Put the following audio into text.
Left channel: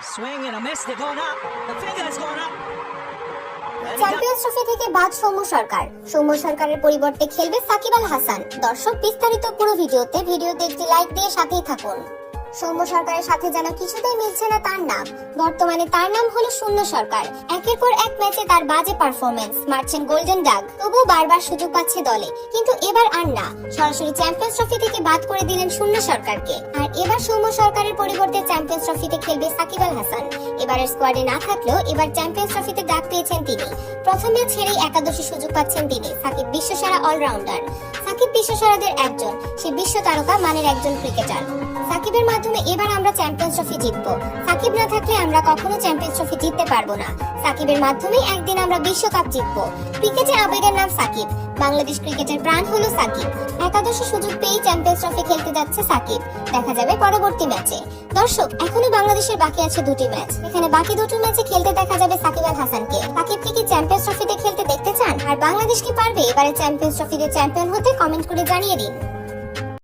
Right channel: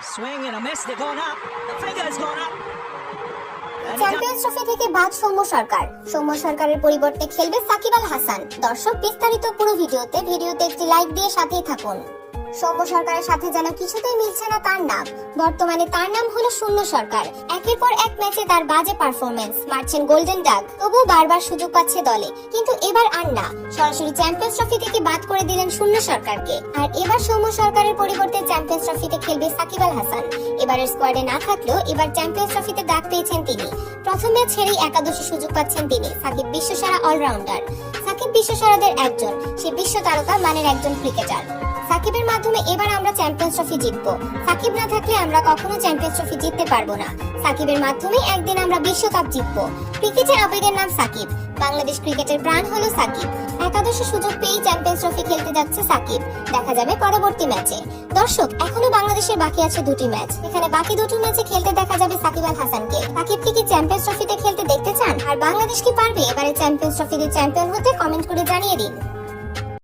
swing and a miss. They're going up. The finger's going up. Champions trophy থেকে বাদ সৌম্য সরকার। সৌম্য সরকারের পরিবর্তে খেলবে সাকিব আল হাসান। দর্শক, বিস্তারিত পুরো ভিডিওতে একটি লাইক দিয়ে সাথেই থাকুন। সৌম্য সরকারের সাথে যেন কিছুতেই মিলছে না তার নাম। বর্তমানে তার নাম হলো শূন্য সরকার। একের পর এক ম্যাচে তার বাজে পারফরমেন্স, মারছেন গোল্ডেন ডাক, তবুও বারবার সুযোগ পাচ্ছে দলে। কিন্তু এবার আর না, সরাসরি চ্যাম্পিয়ন্স ট্রফি থেকে বাদ করে দিলেন শূন্য সরকারকে। আর এবার সৌম্য সরকারের পরিবর্তে চ্যাম্পিয়ন্স ট্রফিতে খেলবে সাকিব আল হাসান। এবারের স্কোয়াডে না থাকলেও এবার চ্যাম্পিয়ন্স ট্রফিতে ডাক পেয়েছেন তিনি। প্রথম ম্যাচ ছেড়েই একাদশে সুযোগ পাচ্ছেন তিনি। সাকিব বিশ্বসেরা অলরাউন্ডার। সাকিব বিশ্বসেরাদের একজন, সে বিশ্ব তারকা মানের একজন ক্রিকেটার। সাকিবের মাধ্যমে এবার আমরা চ্যাম্পিয়ন্স ট্রফি জিতবো। সাকিব না থাকলে আমরা কখনো চ্যাম্পিয়ন্স ট্রফি জিততে পারবো না। সাকিবের মাধ্যমে একদিন আমরা বিশ্বকাপ জিতবো। ক্রিকেটের আবেগের নাম সাকিব। বাংলাদেশ ক্রিকেটের প্রাণ হলো সাকিব। একাদশে সুযোগ পেয়ে চ্যাম্পিয়ন্স ট্রফি খেলতে যাচ্ছে সাকিব। দেখা যাবে পরবর্তী ম্যাচে। দর্শক, এখনো বাংলাদেশের বাকি আছে দুটি ম্যাচ। এখানে বাকি দুটো ম্যাচে খেলতে দেখা যাবে সাকিব আল হাসানকে। সাকিবকে কি চ্যাম্পিয়ন্স ট্রফিতে খেলতে দেখতে চান? আর বাংলাদেশ কি পারবে এবারে চ্যাম্পিয়ন্স ট্রফিতে চ্যাম্পিয়ন হতে? কমেন্ট করে জানিয়ে দিন।